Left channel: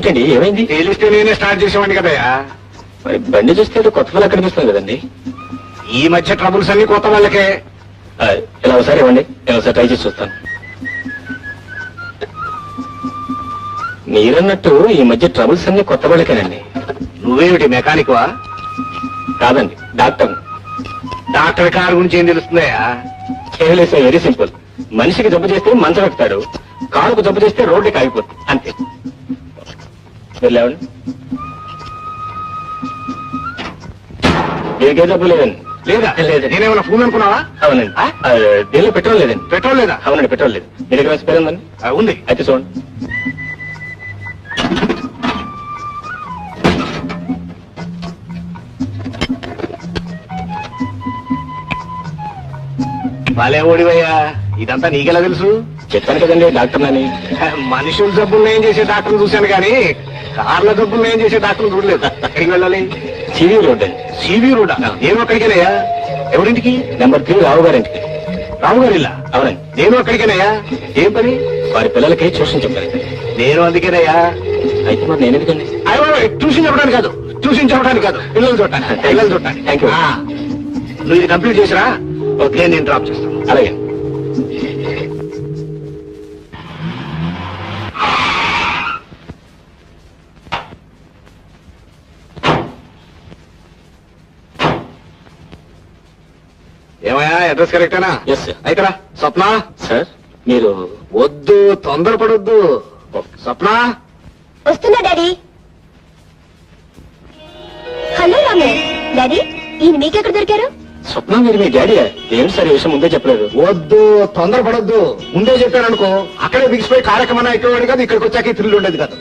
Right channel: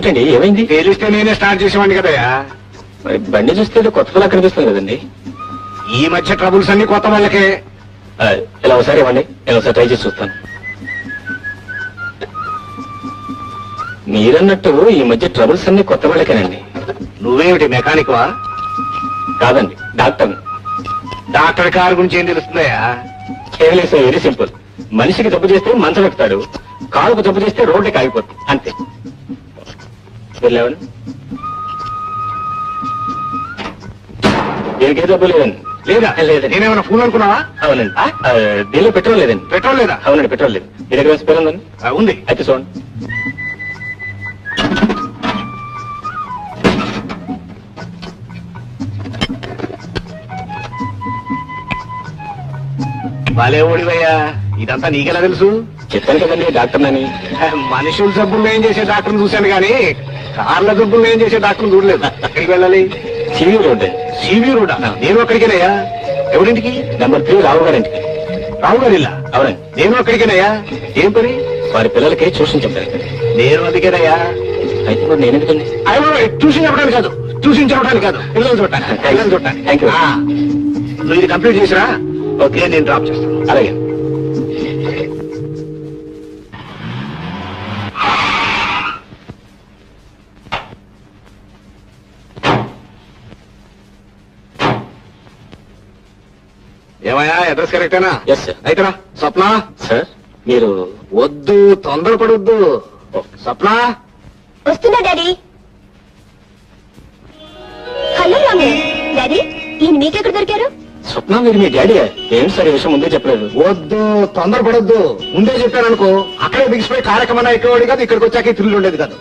ఏమిటండి ఏమైంది? తేలిస్తే నేనే స్టార్ట్ చేసేవాడిని కదయ్యా. మరి బండి చూస్తే కొత్త పిల్ల కనిపిస్తుంది కదండి. ఈ మధ్య ట్రబుల్స్ అన్ని కొత్త వాళ్ళకే. ఇలా ఒకసారి ఇవ్వండి, నేను ఒకసారి ట్రై చేసి చూస్తాను. మీరన్నట్టు ఈ మధ్య ట్రబుల్స్ అన్ని కొత్త వాళ్ళకేనండి. నువ్వేమిటి మెకానిక్ వా? కాదండి, డాక్టర్. డాక్టర్ కారు గురించి ఏం తెలుస్తుందయ్యా? కేవలం వెరీ సింపుల్. మనిషికి జబ్బు చేస్తే మంచం ఎక్కుతాడు, కాలుకు జబ్బు చేస్తే రోడ్డుకి ఆగిపోతుంది, అంతే. వెళ్ళావండి, దీనికే జబ్బు లేదండి. లేదా? లేదండి. నేనేమన్నా ఫోన్ అనుకున్నావా? అవునండి. దీనిలో పెట్రోల్ లేదండి. పెట్రోల్ లేదా? అవునండి, పెట్రోల్ లేదు. మీ దగ్గర స్పేర్ ఉందండి? ఉంది. అయితే చూడండి. బాలే ఓడివయ్యా, ఇదంతా నీకెలా తెలుసు? చెప్పాను కదండి డాక్టర్ నని. మనుషుల జబ్బులు ఏం చేసే డాక్టర్ని చూశాను గానీ కార్ల జబ్బులు ఏం చేసే డాక్టర్ని చూడలేదు. ఎక్కడికి వెళ్ళాలి? సివి రోడ్ అండి. C V road? నేను అక్కడికేనయ్యా. ఎవరింటికి? నెంబర్ 3 రావు గారింటికి. రావు గారిల్లా? అవునండి. నేను అక్కడికేనయ్యా. ఏం పని? వారి పిల్లలకి ట్యూషన్ చెప్పాను. నేను అందుకేనయ్యా. అయితే మరి నేను ఎందుకండి? అయ్యో, ట్యూషన్ చెప్పడానికి కాదు, ట్యూషన్ చెప్పడానికి కాదు, పిల్లలు చూడటానికి. పిల్లలు చూడటానికి. Thank you. నువ్వు ఇది కంప్లీట్ చేసిరా. ఓకే, నేను డ్రాప్ చేస్తాను. అలాగే. ఏమయ్యా, అడ్రస్ కరెక్టేనా? Yes sir. అయితే రా. స్వప్న. సార్ మీరు వద్దు, తొందరపడొద్దు. స్వప్న వస్తున్నా డాడీ. హలో రాము. డాడీ, ఈయన మీకెక్కడ దొరికారు? స్వప్న మీరు మీ డాడీ? ఏంటి సార్ ఈ విషయం ముందే చెప్పలేదు? వద్దు, తొందరపడొద్దు. ముందే చెప్పాననుకో అక్కడే బిగిసిపోయి కార్యక్రమం ఎక్కేవాడు కాదు, ఇక్కడికి వచ్చాక థ్రిల్ ఉండేది కాదు.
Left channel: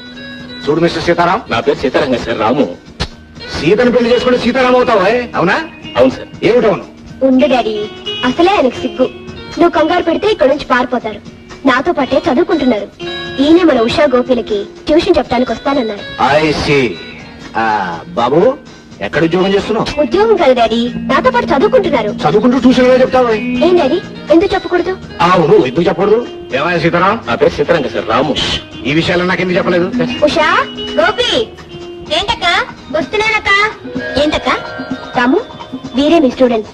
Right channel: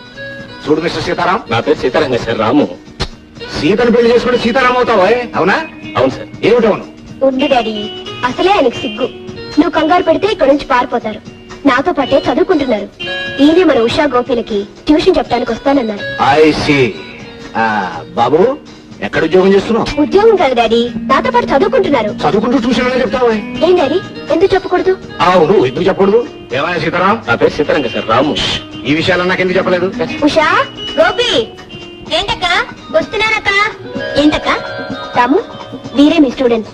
చూడు మిస్టర్ సీతారాం. నా పేరు సీతారాం సార్. రాము. సీతను పెళ్లి చేసుకుంటే సీతారాం అవుతావా? అవునా? అవును సార్. ఏమిటవును? ఉండు డాడీ, అసలే ఆయనకి సిగ్గు. నువ్వు కంగారు పెడితే ఇక్కడి నుంచి పారిపోతారు. నాతో పాటే చదువుకుంటున్నారు. ఈయనే మన ఉషా గోపిలకి ట్యూషన్ చెప్పడానికి వస్తానన్నారు. I see. బాబు, ఎక్కడ ఉద్యోగం చేస్తున్నావు? ఉద్యోగం కాదు డాడీ, నాతో పాటు చదువుకుంటున్నారు. చదువుకుంటూ ట్యూషన్ లో చెప్తావా? ఏం డాడీ, ఎందుకు చెప్పకూడదు? అవును, ఎందుకు చెప్పకూడదు? ఏమయ్యా సీతారాం? నా పేరు సీతారాం సార్. రాము. ఈ విషయాలు నాకు ఎందుకు చెప్పలేదు? ఉషా, గోపి. ఏంటక్క? వస్తున్నానక్క. ఏంటక్క? రాము, వీరే మీ స్టూడెంట్స్.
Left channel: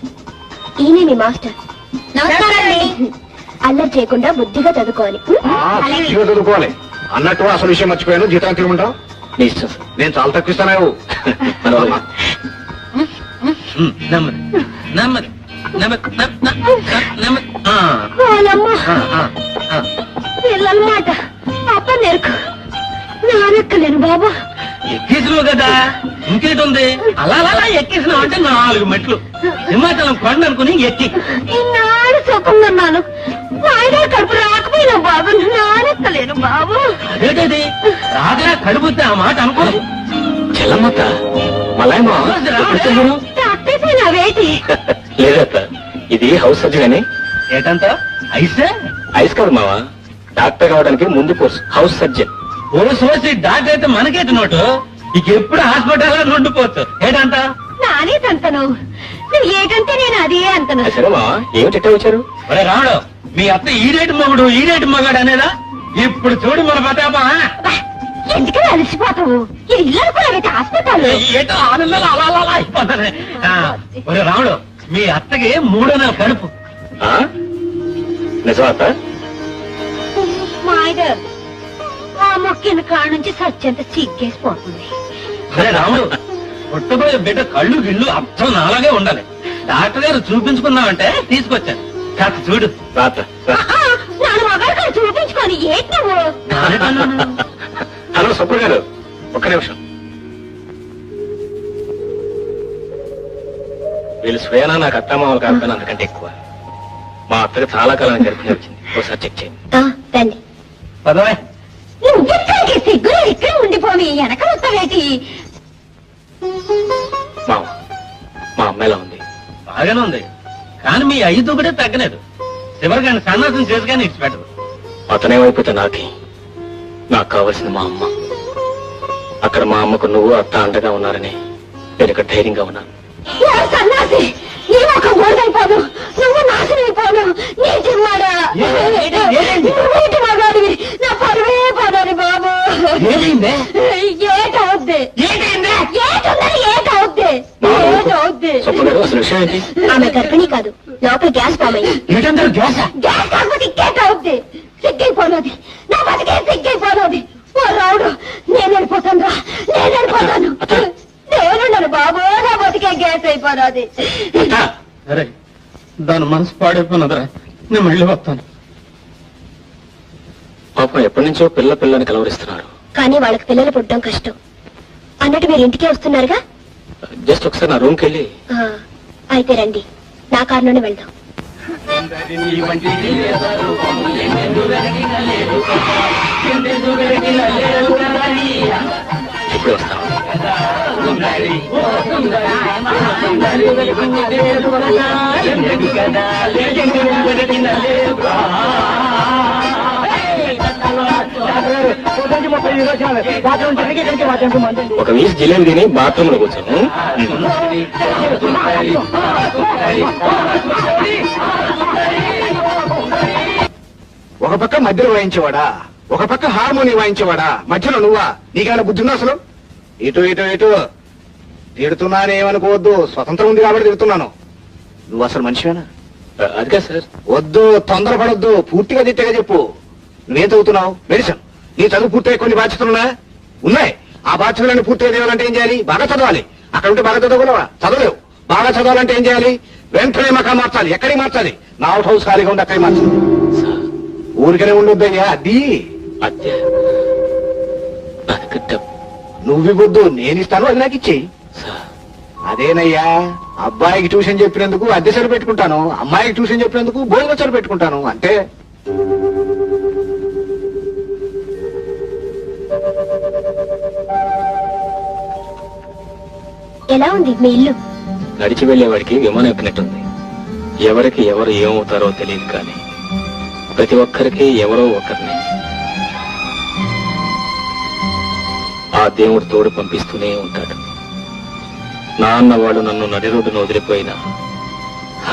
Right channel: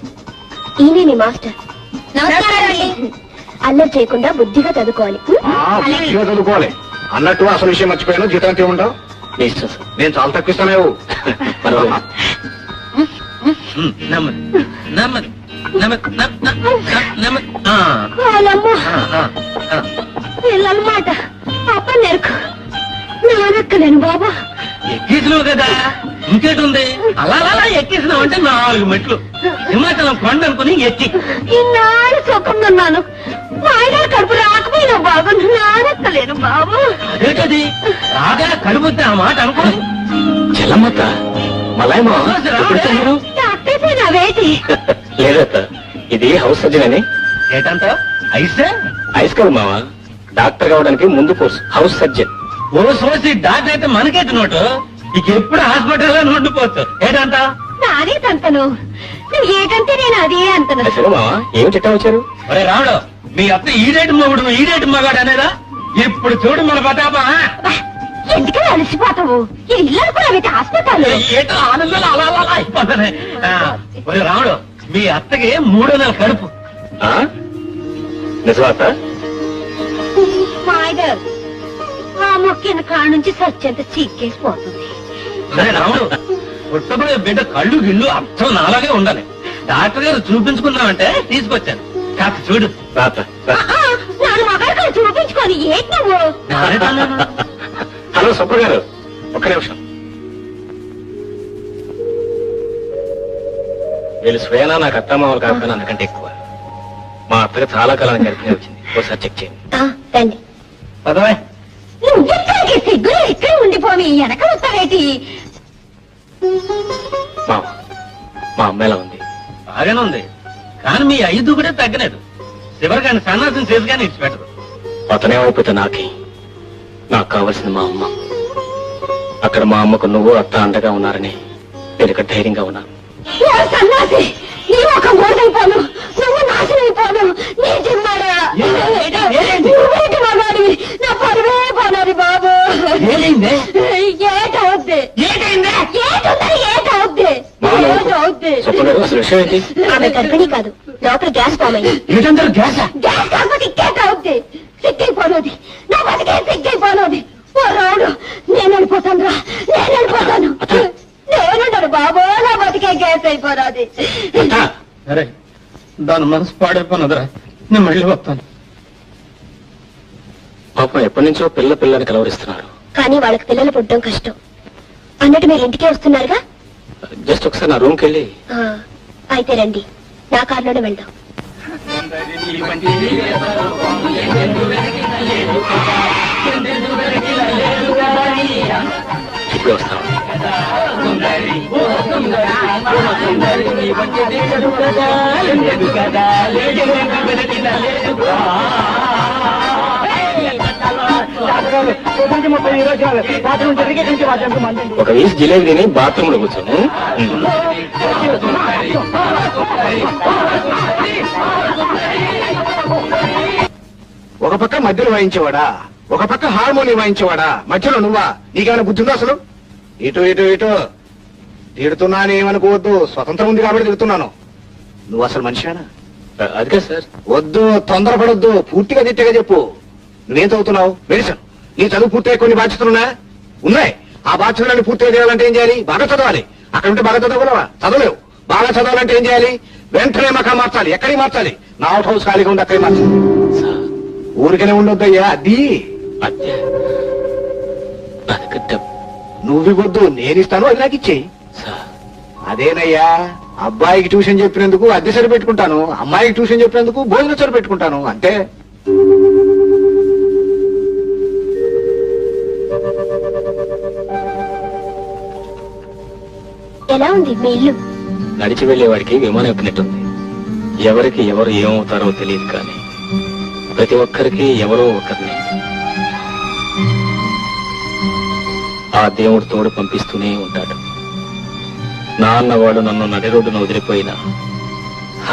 ఈయనే మీ మాస్టర్. అల్లరి చేయకుండా బుద్ధిగా చదువుకోవాలి. బుద్ధిగా చదువుకోవాలి. అన్నట్టు అసలు విషయం మర్చిపోయాను. జీతం ఎంత ఇవ్వమంటావు? మీ ఇష్టం సార్. నేను చాలా తక్కువ ఇస్తాను. పిల్లలమాట అప్ప నేర్కు నానెక్కలేను బాబా. ఎక్కేసినావు కదా, ఇంకేటుంది? అలా అలా ఎక్కేసినావు అంటే 4 మెట్లు. హిమాచలం కొండ అనుకుని ఎక్కి ఇన్నాళ్ళు సుఖంగా మా ఆయన కడుపు రాకపోయినా బాబు, నానెక్కలేను బాబు. అదేటది రాగా కడుపుతే ఆ మాట అనుకో. చెల్లమ్మత్త మలాయమా మీరు? తప్పిపోయినా వేటి? లేదత్త, ఇది హౌస్ సర్జన్ అని. ఏటంత ఐసే? ఐస్ కాదు మావా, డాక్టర్ కావడానికి ముందు కోర్సు హౌస్ సర్జన్. ఓ సోసి డాక్టర్ అయితే మనకేటి నోటు. ఇక ఎప్పుడు హాస్పిటల్లో ఉండిపోవచ్చు. ఏటంత నానే తంతను, నువ్వు ఏకంటే నేను అదే అంతను. సరే మావా, ఏమిటి వచ్చారు? ఒరే రాముడు, మీ అత్త ఈడేటి మొగుడు ఈడేటి మగాడు అనేదా? ఇప్పుడు చూడు మన ప్రతాప. ఎందుకని అలసిపోతావు? ఇది ఇల్లు అనుకున్నావైతే హాస్పిటల్. ఏటో ఆనందాలు అలా అలా అయిపోతానే. ఒరే రాముడు, మీ అత్తకి 3వ నెల కడుపు. నిజమా అత్త? మాయగారు, ఆ మొక్కిన కాడ నుంచి సత్యంత సిగ్గేసిపోతుంది. సరే రాముడు, పుట్టబోయే బిడ్డ కళ్ళు గిళ్ళు అర్థం నాలాగే ఉండాలి. డాక్టర్ గారు చూపించుకున్నామంటే తీసుకొచ్చాను. కాస్త చూడు. రాత నాన్న మగారు కాదు చూపించుకొని ఏంటి నువ్వు? హలో సుప్ర గారు, ఒక్క నిమిషం. వీళ్ళు స్వయానా నాకు అత్తమామలు కాకపోయినా అంతకంటే ఎక్కువ. మా అత్తగా చాలా కాలానికి గర్భిణి వచ్చింది. ఒకసారి చెక్ చేయండి. తండి పదవే. నువ్వెక్కడికి సిగ్గులు ఇక్కడ ఉండిపోని వెనక వస్తావేటి? మా అమ్మాయి ఎలా ఉంది? బాగానే ఉంది, కానీ మీ 5 కూడా తగ్గలేదు. చివరిగాని సన్నాసం చేసి కానీ ఇచ్చిపెట్టదు. అతనేమైపోతే నాకు కావాల్సింది మా అమ్మ. అక్కడ మా అమ్మకు నువ్వు అత్త అండగా ఉన్నారని నేను ఇక్కడ ధైర్యంగా ఉన్నాను. సన్నాసి, నీ ముఖం గోడైపోను, నువ్వు నాశనైపోను. నీ జిమ్మాడా నువ్వేటి మగాడివి, నా పరువే పోనాలి బాబు. అమ్మగారు అసలు విషయం ఏంటి? ఆమె గర్భిణీ కాదు, లోపల గ్యాస్ ఫామ్ అయ్యింది. ఏంటంటారు గ్యాసా? గ్యాస్ కాకపోతే ఇంకేట అవుద్ది. సిగ్గైపోనది, నా బతికే సిగ్గైపోనది. ఓ రావుడు, నేను వెళ్ళిపోతాను రా, నేను వెళ్ళిపోతాను. నేనుండను బాబు, నా బతికే గ్యాస్ అయిపోనది. సరే, దాని మనసు పాడైపోయినదిరా, నేను మళ్ళీ వస్తాను. పాపం ఎప్పటి నుంచో పిల్లని కలవరిస్తున్నారు. కానీ వాళ్ళకి పిల్లలు పుట్టడం కష్టం. అన్నట్టు మీరు ఇంటికే వస్తున్నారుగా? జస్ట్ ఒకసారి నా రూమ్కి వెళ్ళి. ఆ, అయితే రండి, నా కారులోనే వెళ్దాం. ఇప్పుడే వస్తాను. ఒక వీసి జిలేబీ తిని బాత్రూమ్ లో కూర్చోను. ఒక పక్క మధ్యలో వాయించేవాడా, ఒక పక్క హార్మోని వాయించేవాడా, మధ్యలో నువ్వా? నీకేమైనా బుద్ధి ఉందా అసలు? ఇటు ఇటు ఇటు తిడుతున్నానేమనుకోవద్దు, స్వతంత్రం ఉంది కాబట్టి తిడుతున్నాను. నువ్వు అసలు మనిషివేనా? అదిగా సార్. వద్దు, తొందరపడొద్దు, పూర్తిగా తిట్టగా చెప్పు. నువ్వేం చదువుతున్నావు? మెడిసిన్. నీ చదువు పూర్తయ్యే కొన్ని బాధ్యతలున్నా ఉన్నాయి. ఆ బాధ్యతలన్నీ పూర్తిగా చేయాలంటే ఏం చేయాలి? బాగా చదవాలి. అక్కడ ఉంటే బాగా చదవగలవా? చదవలేవు. బాగా చదవాలంటే ఏం చేయాలి? వెంటనే మకా మార్చాలి. ఎక్కడికి మార్చాలి? నా అవుట్ హౌస్ ఖాళీగా ఉంది, అక్కడికి మార్చాలి. ఊరికనే ఉండొద్దయ్యా. అది అద్దె నా దగ్గర డబ్బు. నువ్వివద్దు, నేనిస్తాను, అది నాకు ఇచ్చేయి. సార్, అదేనయ్యా, అబ్బాయికి ట్యూషన్ చెప్పినందుకు అద్దె సరి పెట్టుకుంటాను, అమ్మాయికి ట్యూషన్ చెప్పినందుకు భోజనం సరి పెట్టుకుంటాను, అంతే. ఎలా ఉంది మీ ఇల్లు? నడిచి వెళ్లేవాడికి విమానం ఎక్కినట్టుంది. ఎవరికి ఎవరు ఏమవుతారో తెలియదు, కానీ ప్రతి ఒక్కరికి ఎవరో ఒకరిని ఆ దేవుడు తోడు పంపిస్తూనే ఉంటాడు. నాన్నవాడు నన్ను నడి రోడ్డును వదిలిపోయినా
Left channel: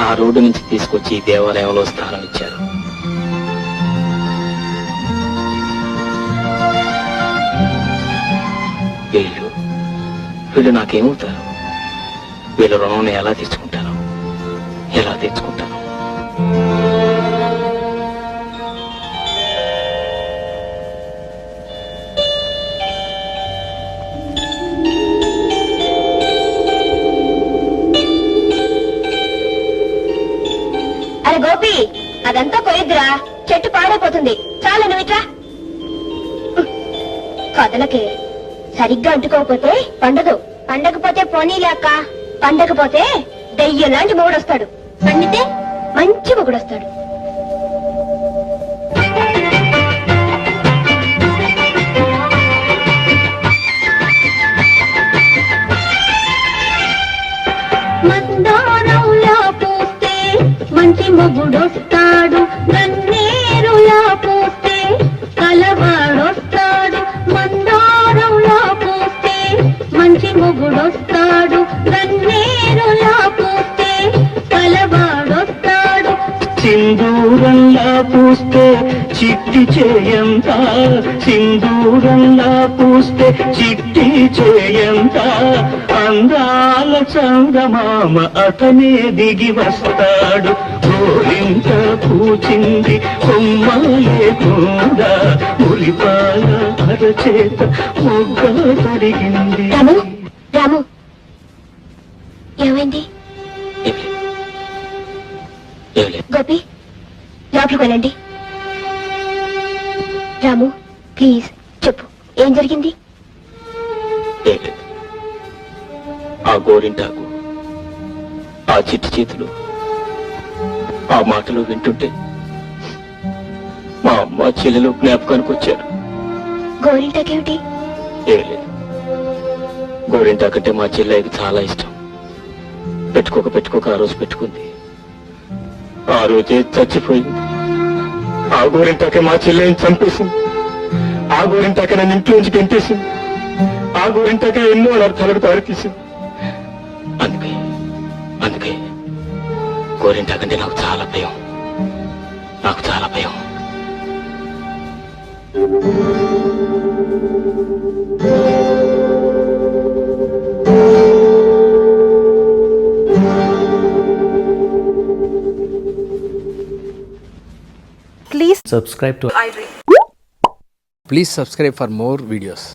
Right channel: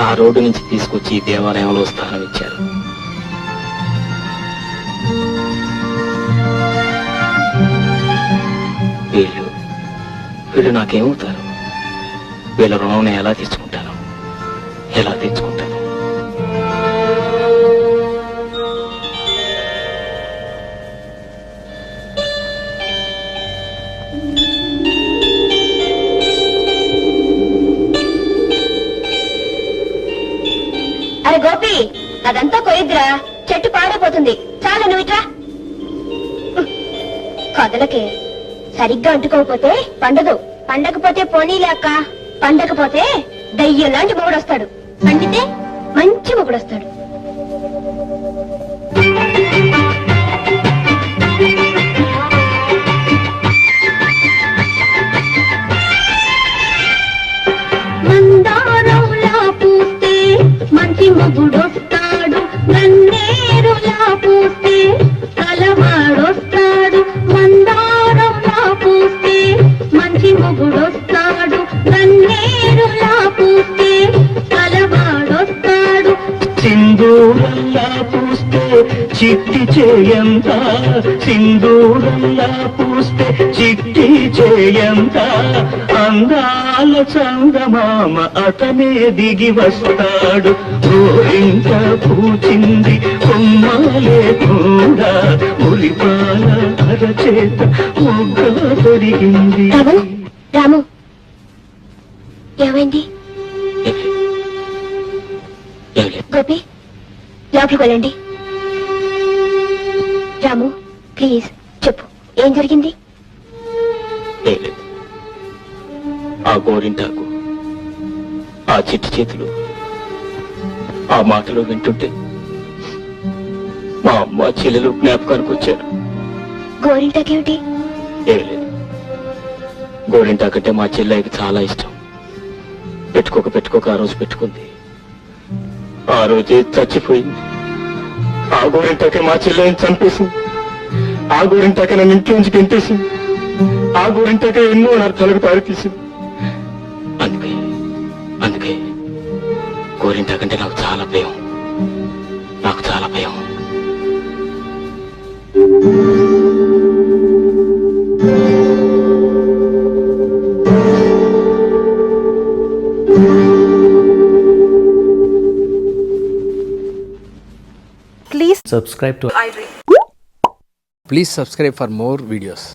ఆ రోడ్డు నుంచి తీసుకొచ్చి ఈ దేవాలయంలో స్థానం ఇచ్చారు. వీళ్ళు నాకేమవుతారు? వీళ్ళ రుణం నేను ఎలా తెచ్చుకుంటాను? ఎలా తెచ్చుకుంటాను? అరే గోపి, అదంతా కొయిద్రా, చెట్టు పాడైపోతుంది. చాలా నువ్వు ఇట్రా. కదలకే, సరిగ్గా అంటుకోకపోతే పండదు. పండకపోతే పోనీలే అక్క, పండకపోతే దయ్యం లాంటి మొగుడొస్తాడు. పండితే మంచి మొగుడొస్తాడు. మందారంలా పూస్తే మంచి మొగుడొస్తాడు, గన్నేరులా పూస్తే కలవాడొస్తాడు. మందారంలా పూస్తే మంచి మొగుడొస్తాడు, గన్నేరులా పూస్తే కలవాడొస్తాడు. సింధూరంలా పూస్తే చిట్టి చేయంత, సింధూరంలా పూస్తే చిట్టి చేయంత, అందాల చందమామ అతనే దిగి వస్తాడు. గోరింట పూచింది కొమ్మలే కూడా, మురిపాల అరచేత మొగ్గ తొడిగింది. రాము, రాము, ఏమైంది? గోపి, లోపలికి వెళ్ళండి. రాము, ప్లీజ్ చెప్పు, ఏం జరిగింది? ఆ గోరింటాకు, ఆ చిట్టి చేతులు, ఆ మాటలు వింటుంటే మా అమ్మ చెల్లెలు జ్ఞాపకానికి వచ్చారు. గోరింటాకేమిటి? ఏం లేదు, గోరింటాకంటే మా చెల్లెకి చాలా ఇష్టం. పెట్టుకోక ఆ రోజు పెట్టుకుంది. ఆ రోజే చచ్చిపోయింది. ఆ గోరింటాకే మా చెల్లెని చంపేసింది. ఆ గోరింటాకే నన్ను ఇంటి నుంచి గెంటేసింది. ఆ గోరింటాకే ఎన్నో అనర్థాలకు తారితీసింది. అందుకే గోరింటాకంటే నాకు చాలా భయం. నాకు చాలా భయం. Subscribe to Please subscribe for more videos.